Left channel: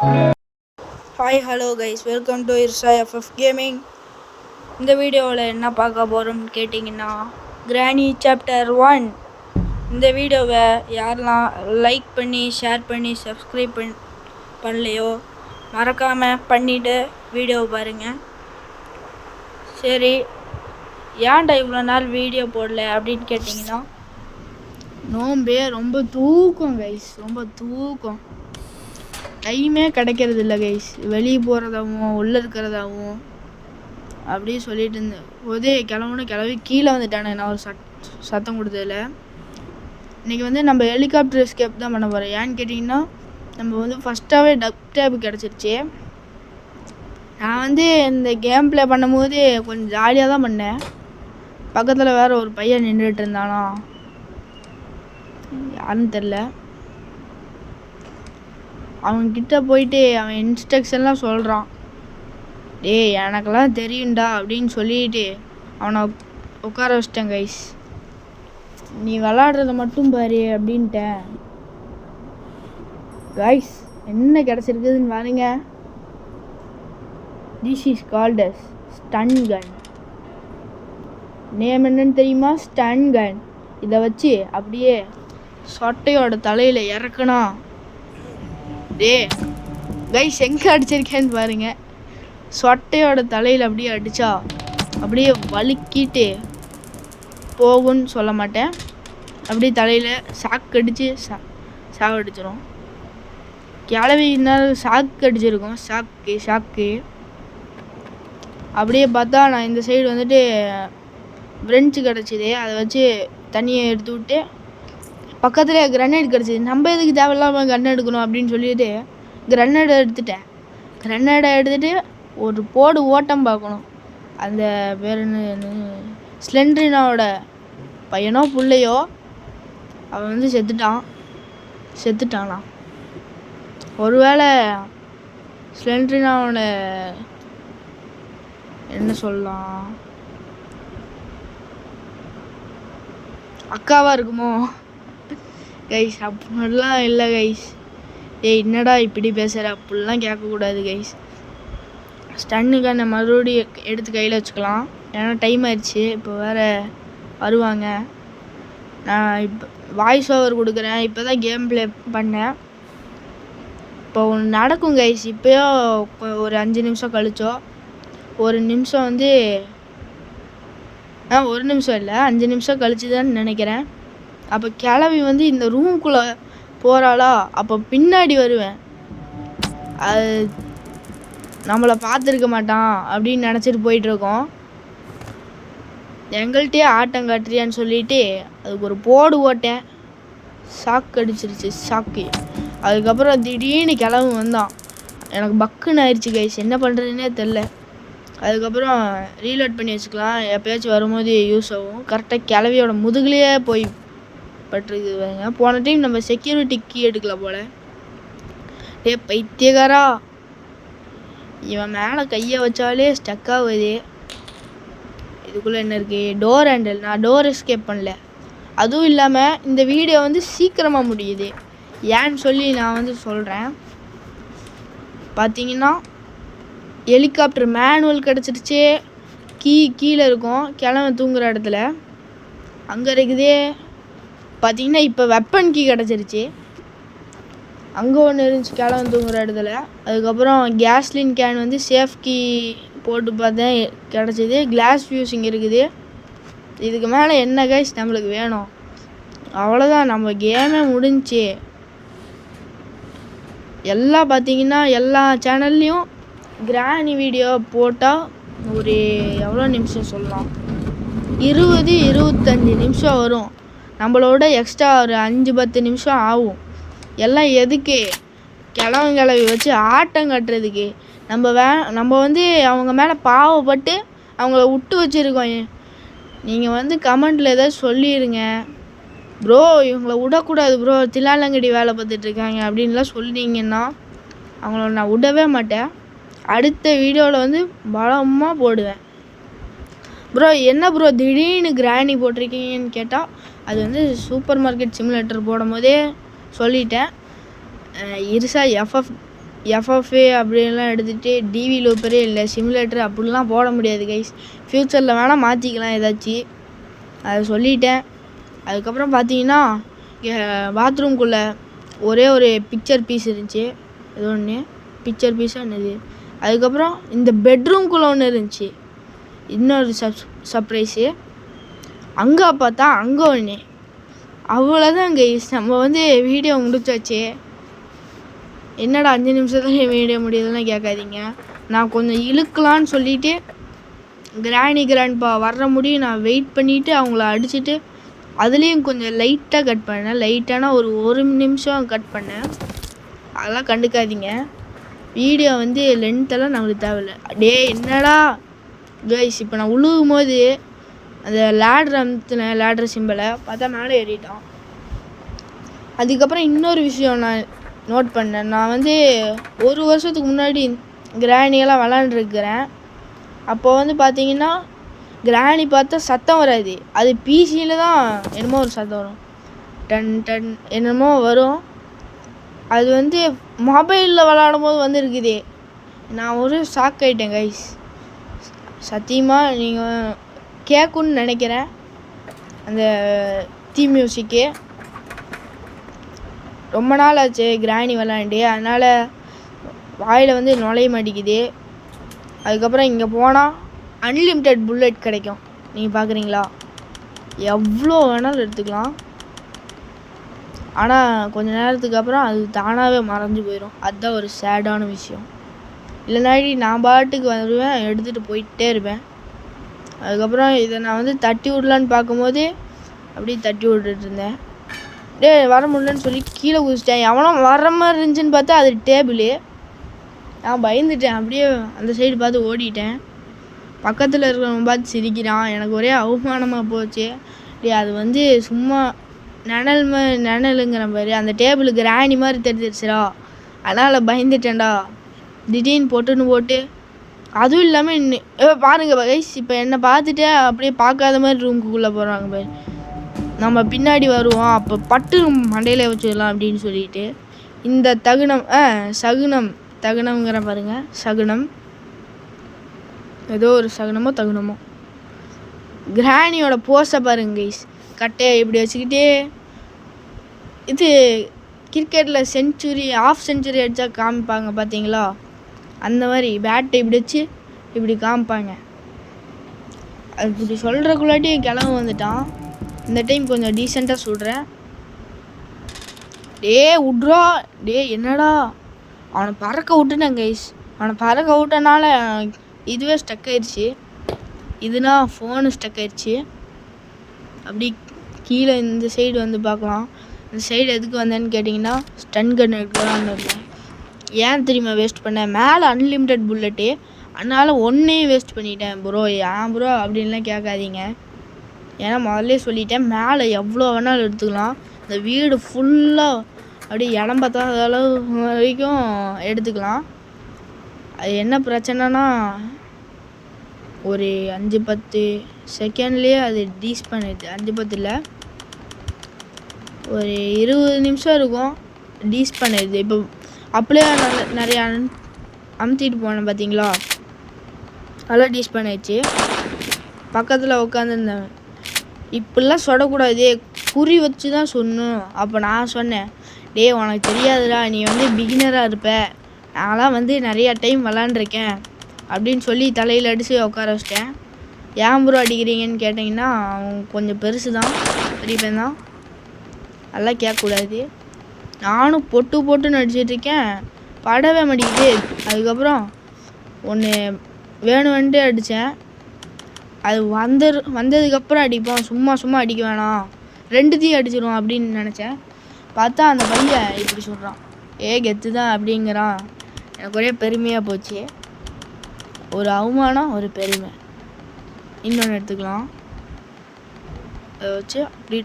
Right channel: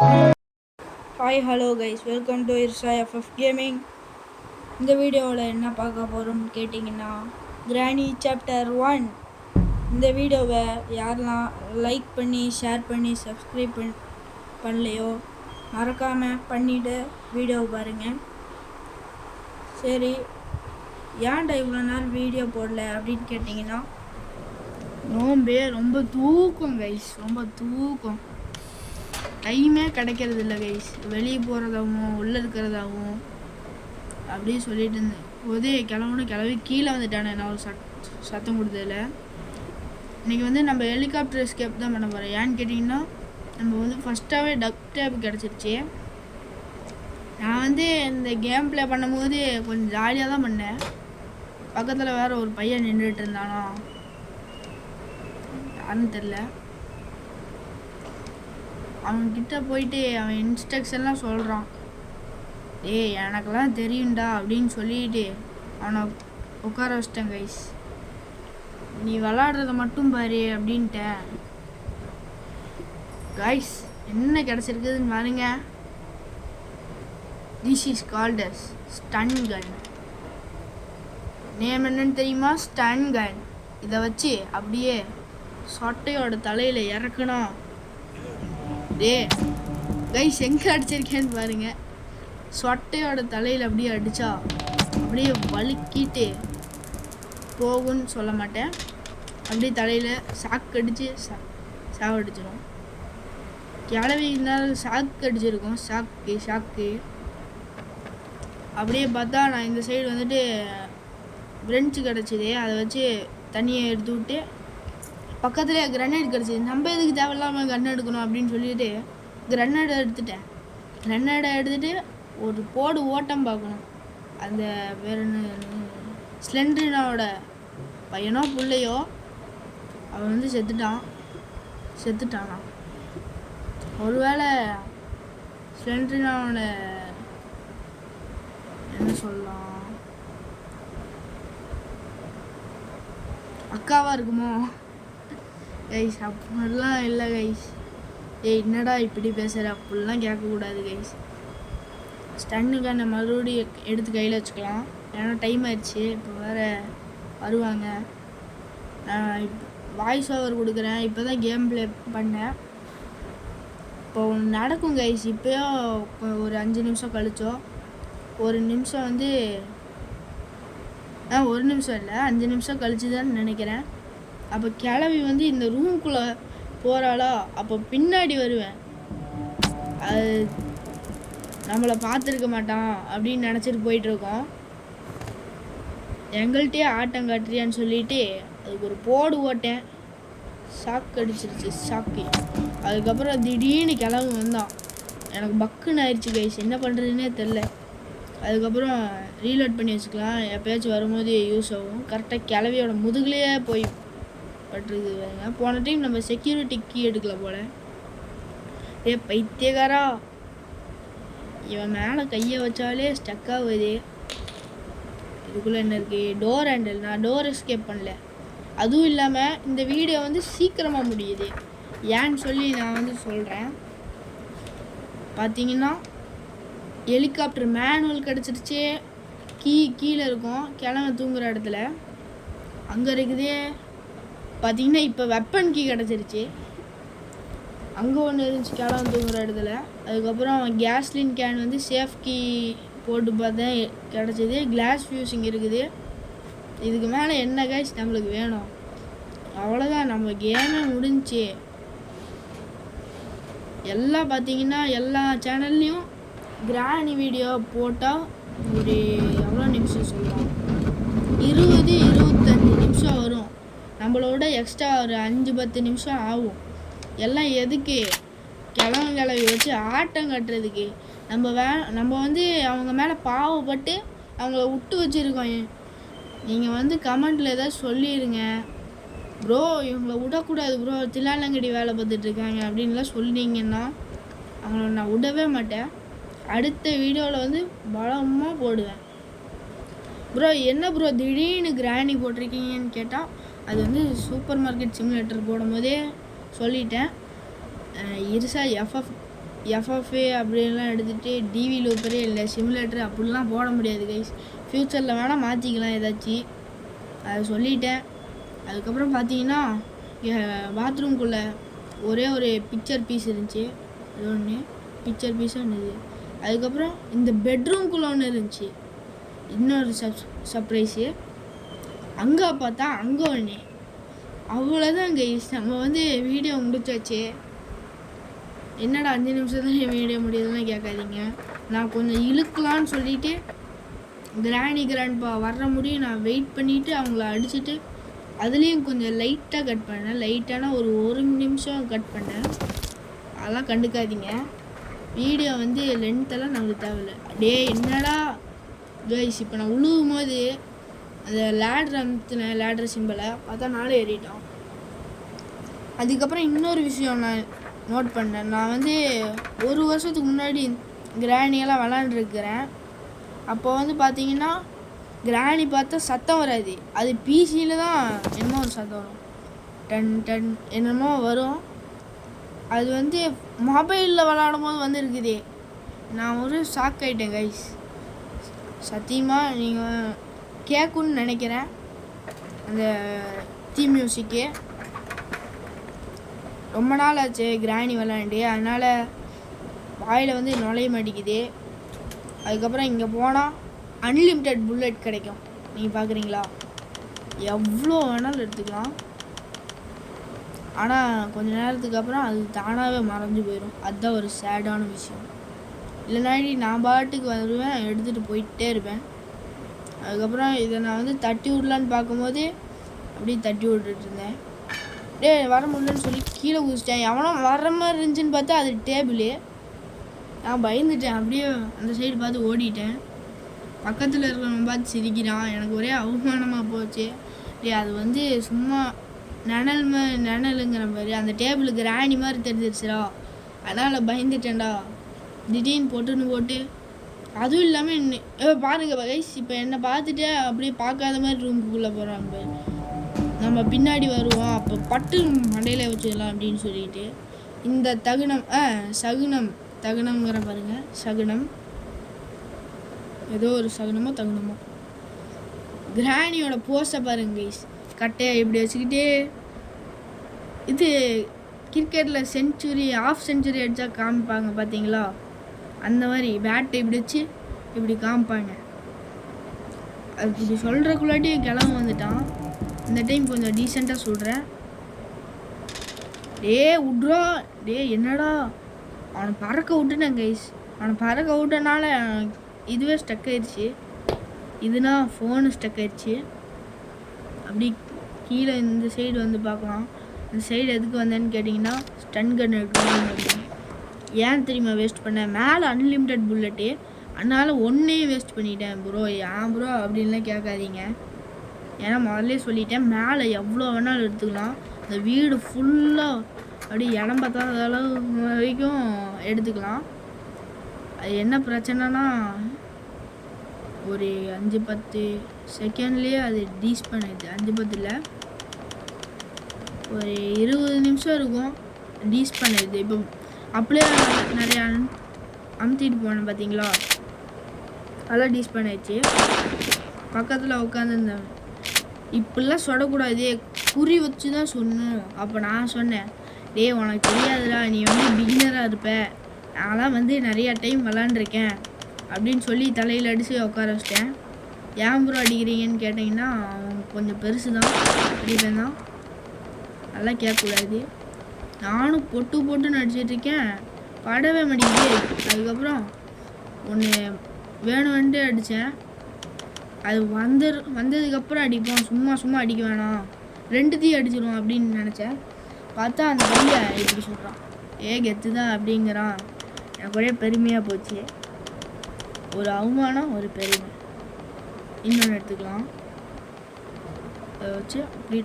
Hi hello guys, welcome to Irsha FF gaming. இந்த வீடியோவில் என்ன பார்க்க போகிறோம்னு கேட்டிங்கன்னா, கிராணி சாப்டர் 1. இந்த வீடியோவை யாரெல்லாம் லைக் பண்ணி ஷேர் பண்ணி சப்ஸ்கிரைப் பண்ணலையோ மறக்காமல் பண்ணிவிட்டு வீடியோவை பாருங்கள். சரி, ஏன்டா இவ்வளோ நாள் வீடியோ போடல அப்படின்னு கேட்டிங்கன்னா, நோம்பே ரொம்ப தூக்கம் கைஸ், ரொம்ப தூக்கம். டைமே கிடைக்கிறது இல்லை கைஸ். வெளியே போகிறதாகவும் உள்ளே இருக்கிறதாகவும் அப்படியே சொல்லிட்டு இருந்தேன். போதே கிளம்பி கீழே வந்துட்டானே நான் ஒரு சத்தம் கொடுத்ததில்ல. இன்றைக்கி வந்து நம்ம ஹெலிகாப்டர் எஸ்கேப் தான் பண்ண போகிறோம். ஏன்னு கேட்டிங்கன்னா, நம்ம வந்து ஃபஸ்ட்டாகவே டக் டேப் கிடச்சிருச்சு. நான் வந்து இந்த கேம் ப்ளே பண்ணும்போது கொஞ்சம் ஜாலியாக தான் பண்ணேன். பக்கத்தில் வேறு ஒரு பையன் நின்றுட்டு இருந்தானா, யாருன்னு தெரில. அவன்கிட்ட போயிட்டு அவன் இன்ஸ்ட்ரக்ஷன்லாம் சொல்கிறான். டேய் எனக்கெல்லாம் தெரியும்டா அப்படின்னு சொல்லிட்டு அவனை உட்கார வச்சிட்டேன் கைஸ். நீ விளாடுறத மட்டும் பாரு அப்படின்ட்டேன். கைஸ் என்ன கிடச்சிருக்குதுன்னு பாருங்க. This is called as stun gun. Name என்னன்னு தெரியுமா? Stun gun. இதை வச்சு அப்படியே சொட்டையோட தலையில் இறக்குனா, டே கைஸ் எங்கே அடிச்சிருக்கேன்னு பாருங்க. சொட்டையோட தலையில் அப்படியே அடித்தா அப்படியே வலிக்கிட்டு போகும்னு சொல்ல மாட்டேன், அப்படியே தலையில் சாக்கு அடித்து சாவடிச்சிடும். கிளவினால சாக்கு அடிச்சிருக்கோம். சாக்கு அப்படியே பார்த்தா நான் இந்த சைடு வந்துட்டு ஃப்ரெஞ்சு கிடச்சிது. அதை வச்சு தண்ணியை எடுத்து விட்டு பக்கத்தில் கிரனேட் கிடச்சிது. நம்ம எதுக்கு தேவையில்லாமல் கன் எடுக்கணும் அப்படின்னு சொல்லிட்டு கிரனேடை எடுத்துட்டேன். கிரனேடை எடுத்துகிட்டு ஒரு போடு ஓட்டம் பார்க்கணும். அந்த பேர் என்ன, ஸ்லெண்ட்ரினாவோட பையனோ பிள்ளையோ அவன் வந்து செத்துட்டானா. ஒருவேளை ஸ்லெண்ட்ரினாவோட என்ன சொல்லலாம், அக்காவாக இருக்குமோ கைஸ்? அப்படிலாம் இல்லை கைஸ். ஏய் என்னடா இப்படி பேசுகிற, அப்படிலாம் கேட்கக்கூடாது கைஸ். ஸ்டன்னுக்கான மறுபடியும் எடுத்து கையில் வச்சுக்கலாம். ஏன்னா டைம் ஆயிடுச்சு. இப்போ வேறு வருவாங்க. நான் இப்போ வாய்ஸ் ஓவர் கொடுக்குறேன். இப்போ தான் கேம் ப்ளே பண்ணேன். இப்போ ஒன்று நடக்கும் கைஸ். இப்போயோ ஒரு 5 நிமிஷம் கழிச்சோ, ஒரு நிமிஷம் வந்து 1 நிமிஷம் இல்லை 5 நிமிஷம் கழிச்சு தான் நினைக்கிறேன். அப்போ கிளவி வந்து இந்த ரூம்குள்ளே போகிறாளா, அப்போ பின்னாடி வருவேன். அது நம்மளை பார்த்துருக்க மாட்டான் அப்படின்னு நினச்சிட்டு போயிட்டுருக்கோம். எங்கள்கிட்டயே ஆட்டம் காட்டுறியான்னு சொல்லிட்டு அதுக்கு ஒரு போடு ஓட்டேன். சாக்கு அடிச்சிருச்சு சாக்கு. அதுக்கப்புறம் திடீர்னு கிளம்பி வந்தான். எனக்கு பக்குன்னு ஆயிடுச்சு கைஸ். என்ன பண்ணுறதுன்னே தெரில. அதுக்கப்புறம் ரீலோட் பண்ணி வச்சுக்கலாம், எப்போயாச்சும் வரும்போது யூஸ் ஆகும். கரெக்டாக கிளவியோட முதுகுலேயே போய் பட்டிருக்குதுங்க. போன டைம் நம்ம செக்யூரிட்டி கீ எடுக்கல போல். பைத்தியக்காரா, இவன் மேலே கையை வச்சாலே ஸ்டக் ஆகுது. இதுக்குள்ளே என்ன இருக்குது? Door handle. நான் டோர் எஸ்கேப் பண்ணல. அதுவும் இல்லாமல் இந்த வீடியோ வந்து சீக்கிரமாக முடியுது. ஏன்னு சொல்லி நான் வந்து சொல்கிறேன். பார்த்தீங்கன்னா ஹெலிகாப்டர் மேனுவல் கிடச்சிருச்சு. கீழே இருக்கும், கிளம்ப தூங்குற இடத்துல அங்கே இருக்குதே. பார்த்தீங்கன்னா இப்போ வெப்பன் கீ கிடச்சிருச்சு. அங்கே ஒன்று இருந்துச்சு கிளம்ப தூங்குற இடத்துல. அதுக்கப்புறம் கேஸ்லின் கேன் வந்து சேஃப் கீ போட்டு பார்த்தேன், கிடச்சிது. கிளாஸ் ஃபியூசிங் இருக்குது. இதுக்கு மேலே என்ன கைஸ் நம்மளுக்கு வேணும்? அவ்வளோதான், நம்ம கேமே முடிஞ்சிச்சு. எல்லாம் பார்த்தீங்கன்னா எல்லா சேனல்லையும் கிராணி வீடியோ போட்டால் ஒரு எவ்வளோ நிமிஷம் சொல்லலாம், 20-25 நிமிஷம் வரும். நம்மளோட எக்ஸ்ட்ரா ஒரு 5-10 நிமிஷம் ஆகும். எல்லாம் எதுக்கு? கிளவி வச்சு ஆட்டம் கட்டுறதுக்கு. நம்ம வந்து அவங்க மேலே பாவப்பட்டு அவங்கள விட்டு வச்சுருக்கோம். நீங்கள் வந்து கமெண்டில் ஏதாவது சொல்லிடுங்க ப்ரோ, இவங்கள விடக்கூடாது ப்ரோ, தில்லாலங்கடி வேலை பார்த்துட்ருக்காங்க அப்படின்லாம் சொன்னீங்கன்னா அவங்கள நான் விடவே மாட்டேன். அடுத்த வீடியோவில் வந்து பலமாக போடுவேன். ப்ரோ என்ன ப்ரோ திடீர்னு கிராணி போட்டிருக்கீங்கன்னு கேட்டால், அது வந்து சூப்பர் மார்க்கெட் சிமுலேட்டர் போடும் போதே சொல்லிட்டேன். இர்ஷா எஃப்எஃப் எஃப்எஃப்ஏ அப்படின்லாம் எடுத்துகிட்டு டிவி லூப்பரே இல்லை சிமுலேட்டர் அப்படிலாம் போட முடியாது கைஸ். ஃப்யூச்சரில் வேணால் மாற்றிக்கலாம் ஏதாச்சும். அதை சொல்லிட்டேன். அதுக்கப்புறம் பார்த்தீங்கன்னா பாத்ரூம்குள்ளே ஒரே ஒரு பிக்சர் பீஸ் இருந்துச்சு. அது ஒன்று பிக்சர் பீஸாக என்னது. அதுக்கப்புறம் இந்த பெட்ரூம்குள்ளே ஒன்று இருந்துச்சு, இன்னொரு சர்ப்ரைஸு. அங்கே பார்த்தா அங்கே ஒன்று. அவ்வளோதான் கைஸ், நம்ம வந்து வீடியோ முடிச்சாச்சு. என்னடா 5 நிமிஷத்துல வீடியோ முடியுதுன்னு கேட்காதீங்க. நான் கொஞ்சம் இழுக்கலான்னு சொல்லிவிட்டு கிராண்ட்பா வர்ற முடியும் நான் வெயிட் பண்ணிவிட்டு அவங்கள அடிச்சுட்டு அதுலேயும் கொஞ்சம் லைட்டாக கட் பண்ணேன். லைட்டான ஒரு நிமிஷம் கட் பண்ணேன். அதெல்லாம் கண்டுக்காதீங்க. வீடியோ வந்து லென்த்தெல்லாம் நம்மளுக்கு தேவையில்லை. டே என்னடா கைஸ், இப்போ நான் உழுகும் போது அந்த லேட்ரு சிம்பிளை பார்த்தா மேலே ஏறிட்டான். அதுக்கப்புறம் இன்னொரு விஷயம் நான் நோட் பண்ணேன். நான் வந்து 1 வருஷத்துக்கு முன்னாடி கிராணியெல்லாம் விளாண்டுருக்கிறேன். அப்போ வந்து பார்த்தீங்கன்னா கிராணி பார்த்தா சத்தம் வராது, அது பிசியில் தான் என்னமோ ஒரு சத்தம் வரும், டன் டன் என்னமோ வரும். அது வந்து மொபைலில் விளாடும் போது வந்து இருக்குது. நான் ஒரு ஷாக் ஆகிட்டேன் கைஸ். சத்தியமாக நீங்கள் கேட்குன்னு நினைக்கிறேன் அந்த தீம் மியூசிக்கு. ரொம்ப நாள் ஆச்சு கிராணி விளாண்டு, அதனால் வாயில் வந்து நுழைய மாட்டேங்குது. அதுக்கப்புறம் இங்கே போனால் அன்லிமிட்டெட் புல்லட் கிடைக்கும். நீங்கள் பார்க்குறீங்களா, எவ்வளோ வேணாலும் எடுத்துக்கலாம். ஆனால் கொஞ்ச நேரத்துக்கு அப்புறம் அது தானாகவே மறைஞ்சு போயிடும். அதுதான் ஒரு சேடான விஷயம். இல்லைனாடி நான் பாட்டுக்கு வருவேன், எடுத்துகிட்டு போயிட்டே இருப்பேன். அதுக்கப்புறம் இதை நான் வந்து தட்டி விடலான்னு பார்க்கும்போது அப்படியே தட்டி விட்டுட்டு இருந்தேன். டே வர முடியலன்னு சொல்லி கீழே குதிச்சிட்டேன். எவனோ வர மாதிரி இருந்துச்சுன்னு பார்த்தா அது டேபிளு. நான் பயந்துட்டேன், அப்படியே அந்த சைடு பார்த்து ஓடிட்டேன். பக்கத்தில் இருக்கிறவன் பார்த்து சிரிக்கிறான். எனக்கு ஒரே அவமானமாக போச்சு. டே அது வந்து சும்மா நிழலுங்கிற மாதிரி அந்த டேபிளுக்கு ராணி மாதிரி தெரிஞ்சிருச்சுடா, அதனால் பயந்துட்டேன்டா. திடீர்னு போட்டு அதுவும் இல்லாமல் இன்னும் பாருங்கள் கைஸ், இப்போ என்னை பார்த்துட்டு அப்படியே பார்க்காத மாதிரி ரூமுக்குள்ளே போகிறாங்க பாரு. நம்ம பின்னாடி வருவோம், அப்போ பட்டு மண்டையில் வச்சுக்கலாம் அப்படின்னு சொல்லிட்டு இந்த தகுனம்ங்கிற பாருங்க, சகுனம், ஏதோ ஒரு சகுனமோ தகுனமோ. கிராணியோட போஸை பாருங்க கைஸ், கட்டையை இப்படி வச்சுக்கிட்டே. இது கிரிக்கெட்டில் ஆஃப் செஞ்சுரி அடித்தா காமிப்பாங்க பார்த்தீங்களா, அந்த மாதிரி பேட்டை இப்படி வச்சு இப்படி காமிப்பாங்க. அது இப்படி சொல்கிறக்குள்ளாட்டி கிளம்ப வந்துட்டான். இந்த டைம் கொஞ்சம் டீசெண்டாக சொல்கிறேன். டே விட்றா, டே என்னடா, அவனை பறக்க விட்டுனேன் கைஸ். அவனை பறக்க விட்டனால இதுவே ஸ்டக் ஆயிடுச்சு. இதுனா ஃபோனு ஸ்டக் ஆயிடுச்சு. அப்படி கீழே இந்த சைடு வந்து பார்க்கலாம். இந்த சைடு எதுக்கு வந்தேன்னு கேட்டிங்கன்னா ஸ்டன் கன் எடுக்கலாம். ஏன் தெரியுமா வேஸ்ட் பண்ணேன், மேலே அன்லிமிட்டெட் புல்லட்டு, அதனால் ஒன்றையும் வேஸ்ட் பண்ணிட்டேன் ப்ரோ. ஏன் ப்ரோ அப்படின்லாம் கேட்காதீங்க, ஏன்னா முதல்ல சொல்லிட்டேன் மேலே எவ்வளோ வேணாலும் எடுத்துக்கலாம். இந்த வீடு ஃபுல்லாக அப்படியே இடம் பார்த்தாத அளவு வரைக்கும் எடுத்துக்கலாம். அது என்ன பிரச்சனைனா ஒரு 5-10 செகண்ட்லேயே அது டீஸ் பண்ணிடுது. 5-10 இல்லை, ஒரு 20 நிமிஷம் இருக்கும் டீஸ் பண்ணிடுது. இப்போ அப்படியே நிறையா அமுத்திட்டு போனேன் பார்த்தீங்களா, அதெல்லாம் டீஸ் பண்ணிடுச்சு. பக்கத்தில் உட்காந்துருந்தேன். இப்படிலாம் சொல்லக்கூடாது, குறி வச்சு தான் சொன்னோம். அப்போ நான் சொன்னேன், டே உனக்கு தெரியாதுடா, நீ வந்து பிகினராக இருப்ப, நான்லாம் வந்து நிறையா டைம் விளாண்டுருக்கேன் அப்படின்னு சொல்லி தலையில் அடித்து உட்கார வச்சிட்டேன். ஏன் ப்ரோ அடிக்கிறீங்கன்னு கேட்டிங்கன்னா அவன் கொஞ்சம் பெருசு தான், பெரியப்பன் தான், அதெல்லாம் கேட்கக்கூடாது. நானும் போட்டுன்னு அடிச்சிட்ருக்கேன், படவே மாட்டேங்குது. அதுக்கப்புறம் ஒன்று வேணும்ன்ட்டு அடித்தேன். அது வந்ததுக்கப்புறம் அடிப்போம், சும்மா அடிக்க வேணாம், 2த்தையும் அடிச்சிடும் அப்படின்னு நினச்சேன். பார்த்தா அந்த பையன் இப்படி சொல்கிறான், கெத்து தான் அப்படிங்கிறான். எனக்கு ஒரே பெருமையாக போச்சு. ஒரு அவமானம், ஒரு பெருமை. இன்னொன்று எடுத்துக்கலாம், அதை வச்சு அப்படி.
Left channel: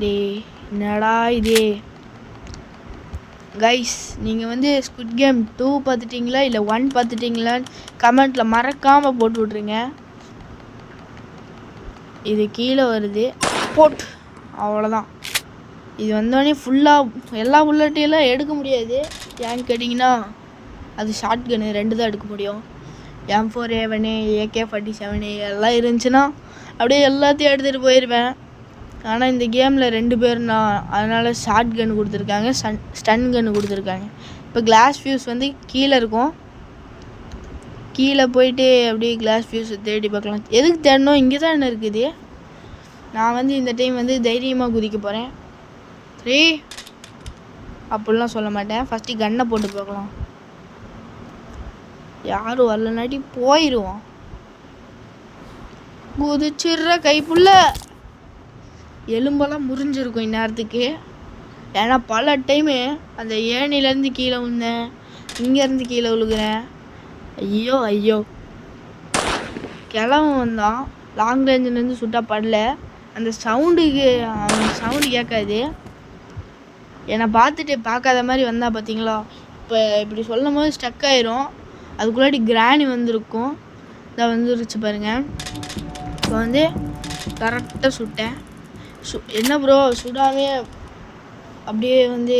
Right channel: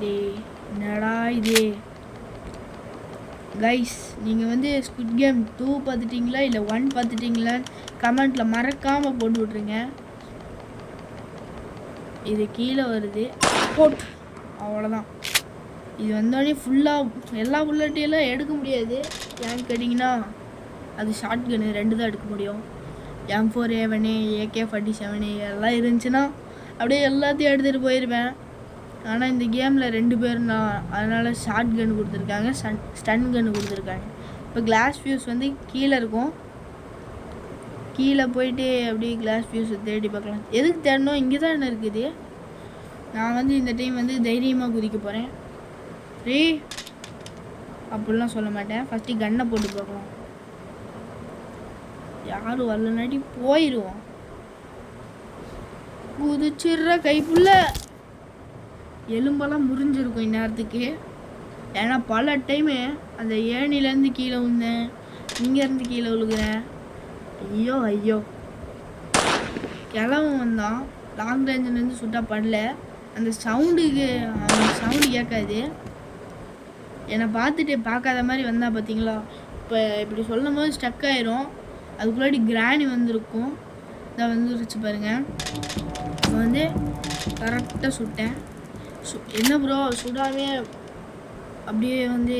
டே என்னடா இது கைஸ், நீங்கள் வந்து ஸ்குவிட் கேம் 2 பார்த்துட்டிங்களா இல்லை 1 பார்த்துட்டிங்களான்னு கமெண்ட்டில் மறக்காமல் போட்டு விட்ருங்க. இது கீழே வருது, போட், அவ்வளோதான். இது வந்தோடனே ஃபுல்லாக எல்லா புல்லட்டையெல்லாம் எடுக்க முடியாது. ஏன்னு கேட்டிங்கன்னா அது ஷார்ட் கன்னு 2 தான் எடுக்க முடியும். M4A1 AK-47 எல்லாம் இருந்துச்சுன்னா அப்படியே எல்லாத்தையும் எடுத்துகிட்டு போயிடுவேன். ஆனால் இந்த கேமில் 2 பேர் நான், அதனால் ஷார்ட் கன் கொடுத்துருக்காங்க, ஸ்டன் கன்னு கொடுத்துருக்காங்க. இப்போ கிளாஸ் ஃபியூஸ் வந்து கீழே இருக்கும். கீழே போயிட்டு அப்படியே கிளாஸ் ஃபியூஸை தேடி பார்க்கலாம். எதுக்கு தேடணும், இங்கே தான் என்ன இருக்குது. நான் வந்து இந்த டைம் வந்து தைரியமாக குதிக்க போகிறேன். அப்படிலாம் சொல்ல மாட்டேன். ஃபஸ்ட்டு கன்னை போட்டு பார்க்கலாம். யாரும் வரலனாட்டி போயிடுவோம். குதிச்சிடுற கைப்புள்ள எலும்பெல்லாம் முறிஞ்சிருக்கும் இந்நேரத்துக்கு. ஏன்னா பல டைமு அந்த ஏணிலேருந்து கீழே விழுந்தேன், இங்கேருந்து கீழே விழுகிறேன். ஐயோ ஐயோ. கிளவன் வந்தான், லாங் ரேஞ்சிலேருந்து சுட்டா படல. அந்த சவுண்டு கேட்காது. என்னை பார்த்துட்டு பார்க்காத மாதிரி வந்தா பார்த்தீங்களா. இப்போ இப்படி சொல்லும் போது ஸ்டக் ஆயிரும். அதுக்குள்ளாடி கிராணி வந்திருக்கும். இதை வந்துருச்சு பாருங்கள். இப்போ வந்து கரெக்டாக சுட்டேன். என்ன ப்ரோ சுடாவே அப்படியே வந்து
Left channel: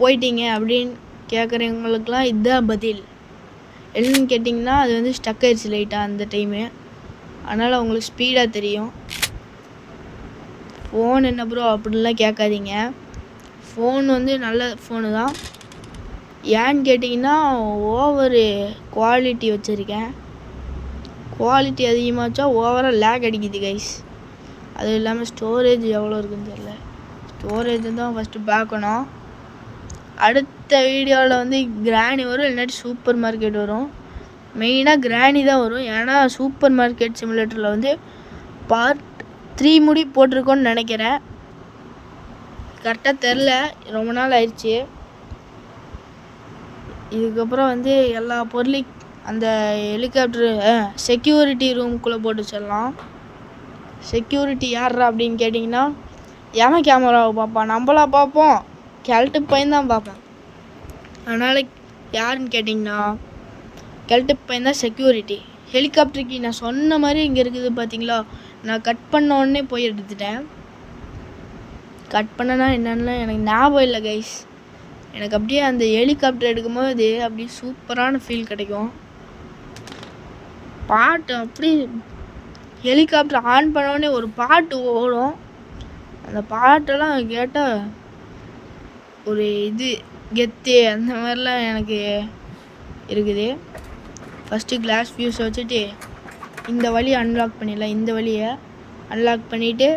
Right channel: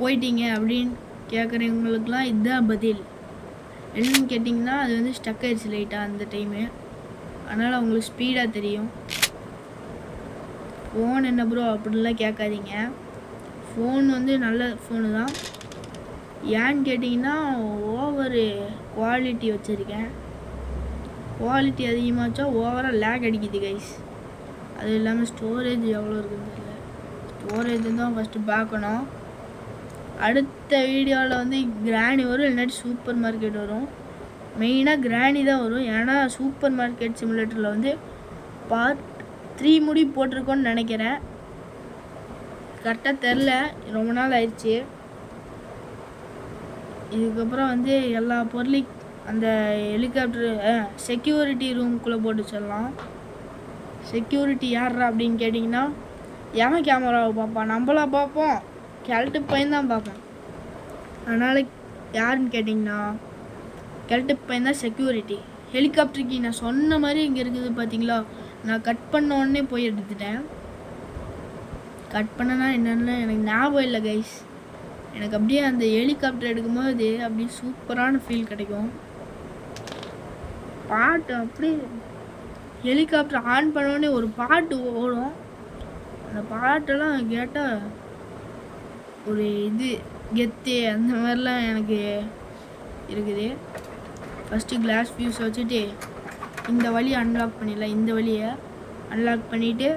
போயிட்டீங்க அப்படின்னு கேட்குறவங்களுக்குலாம் இதுதான் பதில். என்னன்னு கேட்டிங்கன்னா அது வந்து ஸ்டக் ஆயிடுச்சு லைட்டாக அந்த டைமு. அதனால் அவங்களுக்கு ஸ்பீடாக தெரியும். ஃபோன் என்ன ப்ரோ அப்படின்லாம் கேட்காதீங்க. ஃபோன் வந்து நல்ல ஃபோனு தான். ஏன்னு கேட்டிங்கன்னா ஓவரு குவாலிட்டி வச்சுருக்கேன். குவாலிட்டி அதிகமாகச்சா ஓவராக லேக் அடிக்குது கைஸ். அது இல்லாமல் ஸ்டோரேஜ் எவ்வளோ இருக்குன்னு தெரியல. ஸ்டோரேஜ் தான் ஃபஸ்ட்டு பார்க்கணும். அடுத்த வீடியோவில் வந்து கிராணி வரும், இல்லாட்டி சூப்பர் மார்க்கெட் வரும். மெயினாக கிராணி தான் வரும். ஏன்னா சூப்பர் மார்க்கெட் சிமுலேட்டரில் வந்து பார்ட் 3 முடி போட்டிருக்கோன்னு நினைக்கிறேன். கரெக்டாக தெரில, ரொம்ப நாள் ஆயிடுச்சு. இதுக்கப்புறம் வந்து எல்லா பொருளையும் அந்த ஹெலிகாப்டரு செக்யூரிட்டி ரூமுக்குள்ளே போட்டு வச்சிடலாம். செக்யூரிட்டி யார்ரா அப்படின்னு கேட்டிங்கன்னா எவன் கேமராவை பார்ப்பான், நம்மளா பார்ப்போம், கெல்ட்டு பையன் தான் பார்ப்போம். அதனால் யாருன்னு கேட்டிங்கன்னா கெல்ட்டு பையன் தான் செக்யூரிட்டி. ஹெலிகாப்டருக்கு நான் சொன்ன மாதிரி இங்கே இருக்குது பார்த்தீங்களா. நான் கட் பண்ண உடனே போய் எடுத்துட்டேன். கட் பண்ணனா என்னென்னு எனக்கு ஞாபகம் இல்லை கைஸ். எனக்கு அப்படியே அந்த ஹெலிகாப்டர் எடுக்கும்போது அப்படியே சூப்பரான ஃபீல் கிடைக்கும். பாட்டு அப்படி ஹெலிகாப்டர் ஆன் பண்ணோடனே ஒரு பாட்டு ஓடும். அந்த பாட்டெல்லாம் கேட்டால் ஒரு இது கெத்து அந்த மாதிரிலாம் எனக்கு இருக்குது. ஃபஸ்ட்டு கிளாஸ் ஃபியூஸை வச்சுட்டு இந்த வழியை அன்லாக் பண்ணிடலாம். இந்த வழியை அன்லாக் பண்ணிவிட்டு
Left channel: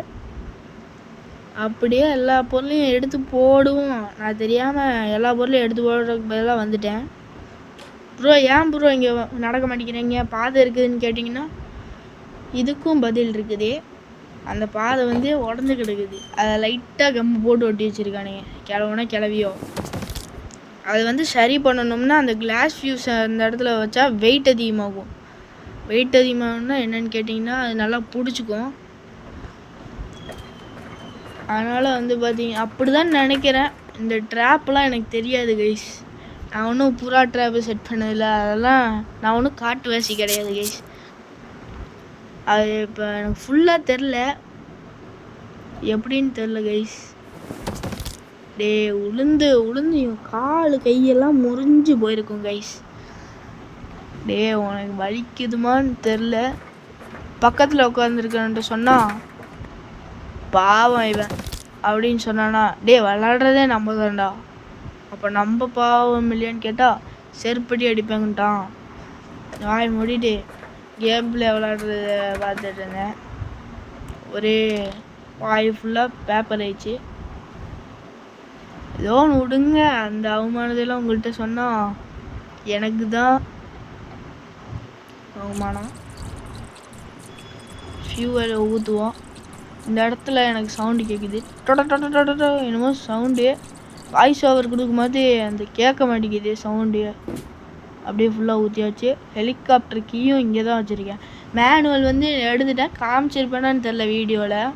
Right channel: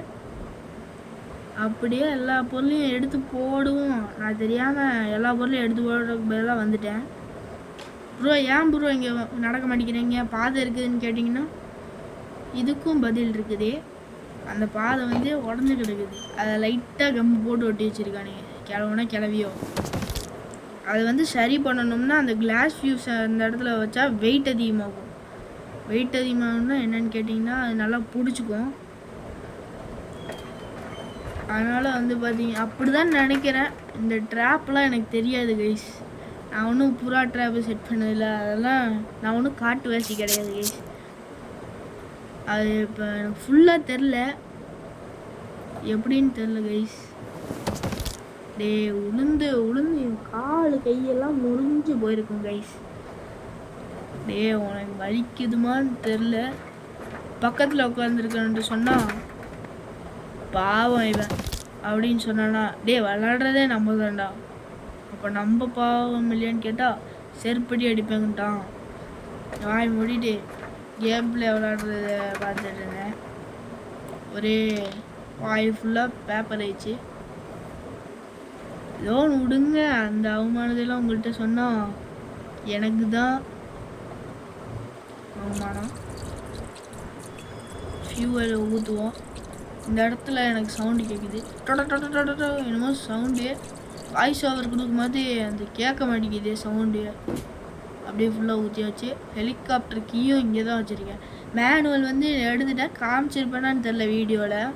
அப்படியே எல்லா பொருளையும் எடுத்து போடுவோம். நான் தெரியாமல் எல்லா பொருளையும் எடுத்து போடுறதுக்கு பதிலாக வந்துட்டேன். ப்ரோ ஏன் ப்ரோ இங்கே நடக்க மாட்டேங்கிறீங்க, பாதை இருக்குதுன்னு கேட்டிங்கன்னா இதுக்கும் பதில் இருக்குது. அந்த பாதை வந்து உடஞ்சி கிடக்குது. அதை லைட்டாக கம்பு போட்டு ஒட்டி வச்சுருக்கானுங்க, கிளவுனா கிளவியோ. அதை வந்து சரி பண்ணணும்னா அந்த கிளாஸ் ஃபியூஸ் அந்த இடத்துல வச்சா வெயிட் அதிகமாகும். வெயிட் அதிகமாகும்னா என்னென்னு கேட்டிங்கன்னா அது நல்லா பிடிச்சிக்கும். அதனால் வந்து பார்த்தீங்க அப்படி தான் நினைக்கிறேன். இந்த ட்ராப்லாம் எனக்கு தெரியாது கைஸ். நான் ஒன்றும் புறா ட்ராப்பு செட் பண்ணதில்லை. அதெல்லாம் நான் ஒன்றும் காட்டுவாசி கிடையாது கைஸ். அது இப்போ எனக்கு ஃபுல்லாக தெரில, எப்படின்னு தெரில கைஸ். டே உளுந்து என் கால் கையெல்லாம் முறிஞ்சு போயிருக்கும் கைஸ். டே உனக்கு வலிக்குதுமான்னு தெரில. பக்கத்தில் உட்காந்துருக்கன்ட்டு சொன்னால் பாவம் இவன் அப்படின்னு சொன்னானா, டே விளாடுறதே நம்ம தான்டா, அப்போ நம்ம பாவம் இல்லையான்னு கேட்டால் செருப்படி அடிப்பாங்கட்டான். வாய் மூடிட்டு கேமில் விளாடுறத பார்த்துட்டுங்க. ஒரே வாய் ஃபுல்லாக பேப்பர் ஆயிடுச்சு. ஏதோ ஒன்று விடுங்க, அந்த அவமானதெல்லாம் உங்கள்கிட்ட சொன்னால் எனக்கு தான் அவமானம். ஃபியூவலை ஊற்றுவோம். இந்த இடத்துல எனக்கு சவுண்டு கேட்குது, என்னமோ சவுண்டு. வாய்ஸ் ஓவர் கொடுக்கும்போது அந்த கேட்க மாட்டேங்குது சவுண்டு. அப்படியே ஃபுல்லாக ஊற்றியாச்சு. ஹெலிகாப்டர் கீயும் இங்கே தான் வச்சுருக்கேன். மேனுவல் வந்து எடுத்துட்டேன், காமிச்சிருப்பேனான்னு தெரில வீடியோவில்.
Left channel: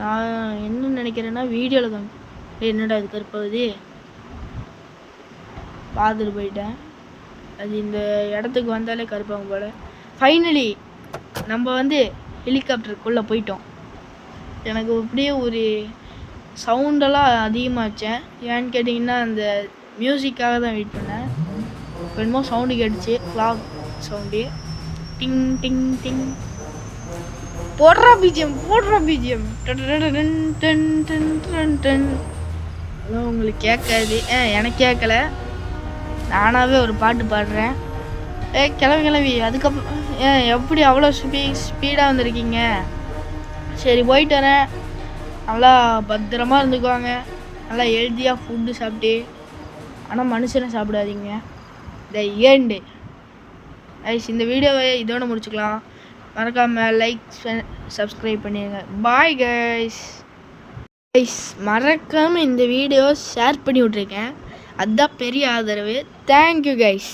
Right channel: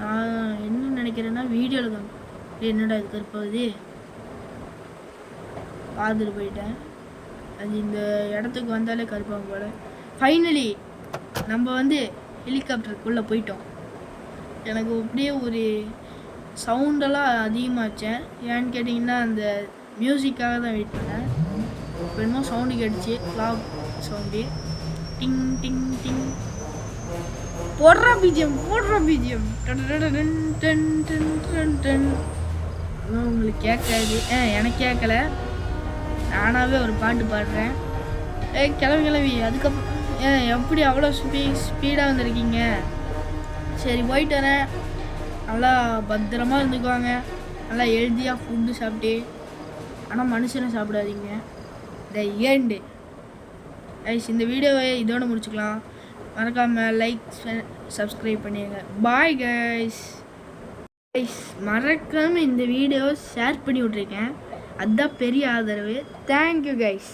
நான் என்ன நினைக்கிறேன்னா வீடியோவில் என்னடா இது கருப்பாகுது பார்த்துட்டு போயிட்டேன். அது இந்த இடத்துக்கு வந்தாலே கருப்பாகும் போல. ஃபைனலி நம்ம வந்து ஹெலிகாப்டருக்குள்ளே போயிட்டோம். எனக்கு அப்படியே ஒரு சவுண்டெல்லாம் அதிகமாகச்சேன். ஏன்னு கேட்டிங்கன்னா அந்த மியூசிக்காக தான் வெயிட் பண்ணேன். இப்போ என்னமோ சவுண்டு கேட்டுச்சு, கிளாக் சவுண்டு. டிங் டிங் டிங் போடுறா பிஜிஎம். உங்களுக்கு கேட்காது. எனக்கு கேட்கல, நானாகவே ஒரு பாட்டு பாடுறேன். கிளம்பி அதுக்கப்புறம் எப்படி அவ்வளோ ஸ்பீடாக வந்திருக்கீங்க? சரி போயிட்டு வரேன். நல்லா பத்திரமா இருந்துக்குவாங்க. நல்லா ஹெல்த்தியாக ஃபுட்டு சாப்பிட்டு. ஆனால் மனுஷனை சாப்பிடாதீங்க. The end. இந்த வீடியோவை இதோட முடிச்சுக்கலாம். மறக்காமல் லைக் சப்ஸ்கிரைப் பண்ணிடுங்க. Bye guys. மறக்காமல் இந்த வீடியோவை ஷேர் பண்ணி விட்ருக்கேன். அதுதான் பெரிய ஆதரவு. Thank you guys.